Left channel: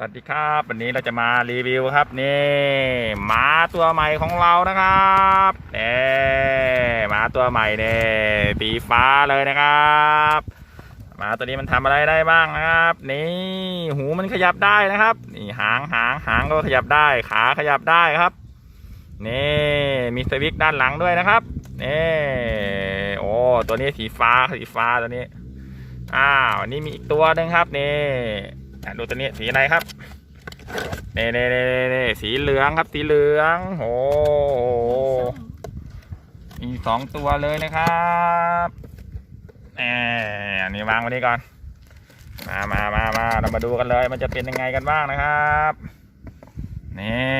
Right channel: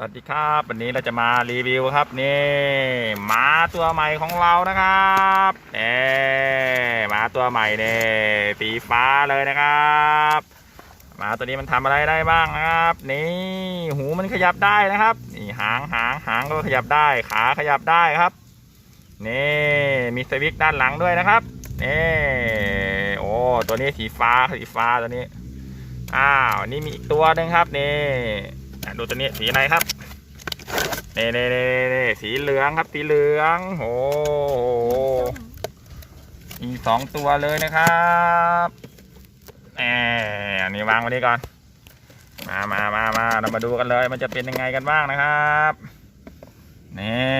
สวัสดีครับ วันนี้เราจะมารีวิวครับนี่หมาตัวใหม่ของเรานะครับเอหมาตัวใหม่เนี่ยสีฟ้าเลยนะครับหมาตัวนี้มันทำอะไรได้บ้างนะครับ นี่หูมันขยับได้นะครับ นี่หางหางหางก็ขยับได้ ขาขยับได้ครับนี่มีสวิตช์ด้านหลังด้วยนะครับนี่โอ้ตัวนี้สีฟ้าสีฟ้าตัวนี้อ้าวนี่มีอีกตัวหนึ่งครับนี่ ดูตัวนี้สีอะไรครับเน่เน่เน่เน่สีเหลืองครับ สีเหลืองโอ้มีสองตัวเลยนะครับแหมอันนี้วางไว้นี่ก่อน มามามามาเรามาดูกันเลย มันจะเป็นยังไงกันบ้างนะครับนี่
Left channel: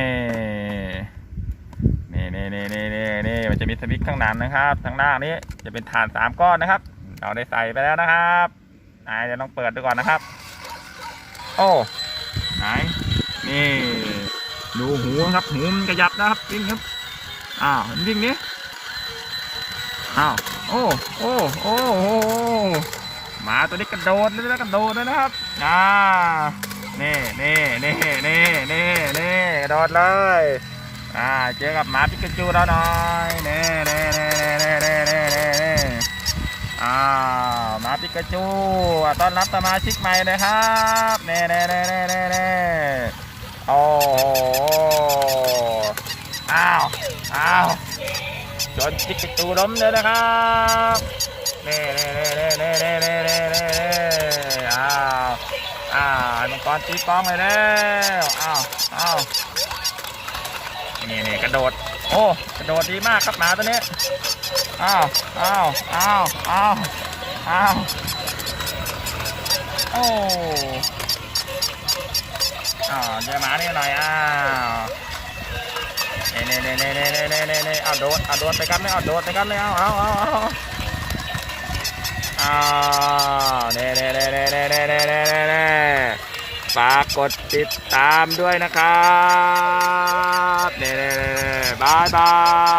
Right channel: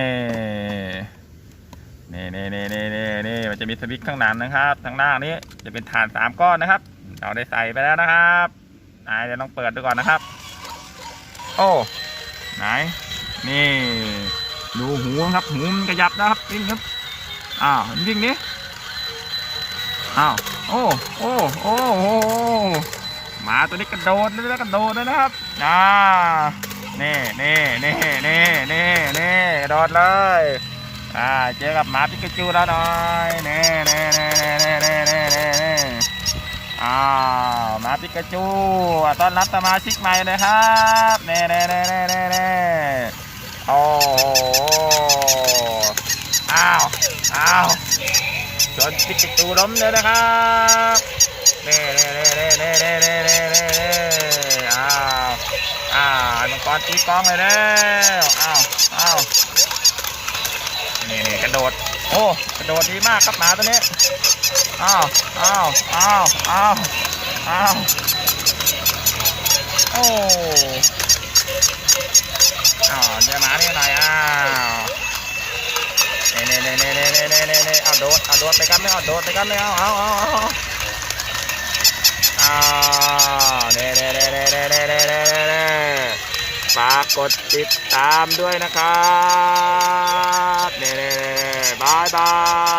นี่นี่นี่นี่นี่นี่มันจะมีสวิตช์ข้างหลังนะครับข้างหน้านี้จะเป็นฐานสามก้อนนะครับ เราได้ใส่ไปแล้วนะครับอ่าเดี๋ยวต้องเปิดดูก่อนนะครับ โอ้ไหนนี่ ดูหูครับหูมันกระยับนะครับวิ่งครับอ้าววิ่งนี้อ้าวโอ้โอ้โอ้โอ้หมาตัวนี้กระโดดเลยนะกระโดดเลยนะครับอ่านี่นี่นี่นี่นี่นี่กระโดดเลยอ่าเจอกับหมาปิกาจูเราหน่อยนี่นี่นี่ อ้าวมาปิกาจูต้อนรับสมาชิกใหม่เลยครับเน่เน่เน่เน่เน่เน่โอ้อ้าวอ้าวจนปิกาจูล้มเลยนะครับเน่เน่เน่เน่เน่เน่เน่เน่อ้าวอ้าวมังกรตีกลองเลยแล้วอ้าวอ้าวนี่นี่กระโดด โอ้กระโดดดีมากครับหมาตัวนี้อ้าวอ้าวอ้าวอ้าวอ้าวโอ้อ้าวเดี๋ยวหมานี่หน่อยอ้าวเน่เน่เน่เน่เน่เน่เน่เน่เอาโดดเอาโดดไปกันไม่เอาโดดไปกันไม่เอาเอาเอาเอาอ้าวเน่เน่เน่เน่เน่เน่เน่เน่ฝากกดติดตามด้วยนะครับ 拜拜。